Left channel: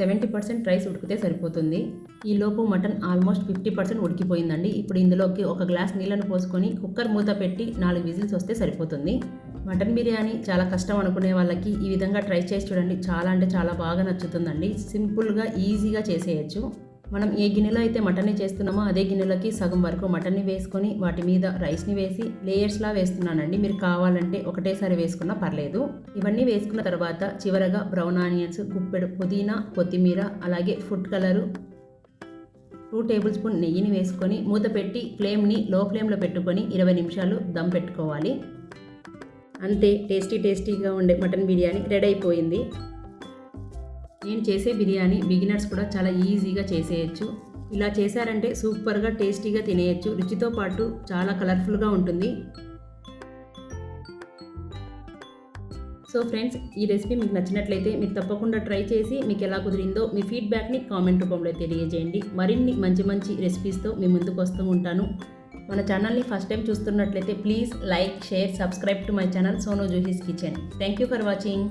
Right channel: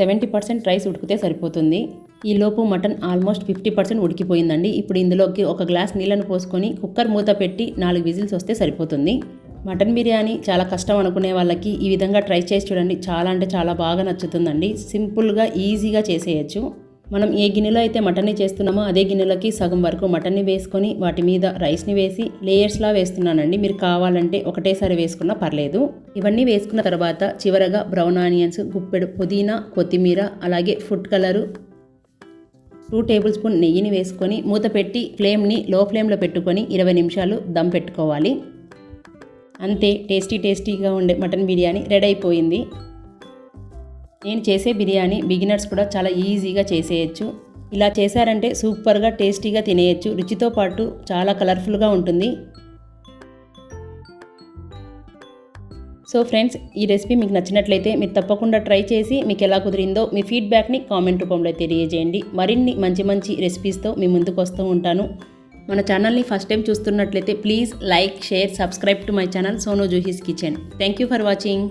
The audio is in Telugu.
70% రైస్ ఉడికితే సరిపోతుంది. ఈలోపు మటన్ ఆల్మోస్ట్ 50% ఉడికిపోయిందండి. ఇప్పుడు ఇందులోకి ఒక గ్లాస్ నీళ్ళను పోసుకొని కుక్కర్ మూత పెట్టి 4 విజిల్స్ వస్తే సరిపోతుంది. మటన్ బిర్యానీ చాలా కష్టం అనుకునే వాళ్ళకి ఈ విధంగా ట్రై చేసి చూడండి. చాలా అంటే చాలా బాగా నచ్చుతుందండి. సింపుల్గా ఈజీగా చేసేయచ్చు. మనం ఏ గిన్నెలో అయితే మటన్ని చేస్తున్నామో అదే గిన్నెలోకి సగం వరకు మటన్ని వేసుకొని వాటి మీద రైస్ని వేసి లేయర్స్లా వేస్తున్నానండి. మీరు కావాలంటే ఒకటేసారి వేసుకున్నా పర్లేదు. ఇవన్నీ వేసుకున్న తర్వాత చివరగా బ్రౌన్ ఆనియన్స్, గుప్పెడు పుదీనా, కొత్తిమీర, అలాగే ఫుడ్ కలరు, 2 టేబుల్ స్పూన్ నెయ్యిని వేసుకొని మూత పెట్టి ఫ్లేమ్ని లో ఫ్లేమ్లో పెట్టుకొని 20 నిమిషాలు దమ్ పెట్టుకోవాలి. అంతే, టేస్టీగా ఉండే మటన్ బిర్యానీ రెడీ అయిపోయింది. నేను చేసే బిర్యానీ బిగినర్స్ కూడా చాలా ఈజీగా చేసేయచ్చు. ఇలా చేశారంటే సూపర్గా టేస్టీగా తినేయచ్చు. రుచితో పాటు చాలా కలర్ఫుల్గా ఉంటుంది. సో ఫ్రెండ్స్, ఈ రెసిపీ మీకు నచ్చినట్లయితే మీరు తప్పకుండా ట్రై చేసి మీకు ఎలా కుదిరిందో మీ ఫీడ్బ్యాక్ని కామెంట్ రూపంలో తెలియజేయండి. మరిన్ని మంచి రెసిపీస్తో మీ ముందుకు వస్తూ ఉంటాను. మన ఛానల్ని ఫస్ట్ టైం చూస్తున్నట్లయితే please like, share, subscribe to my channel Sonu Juhi's kitchen. Thank you for watching.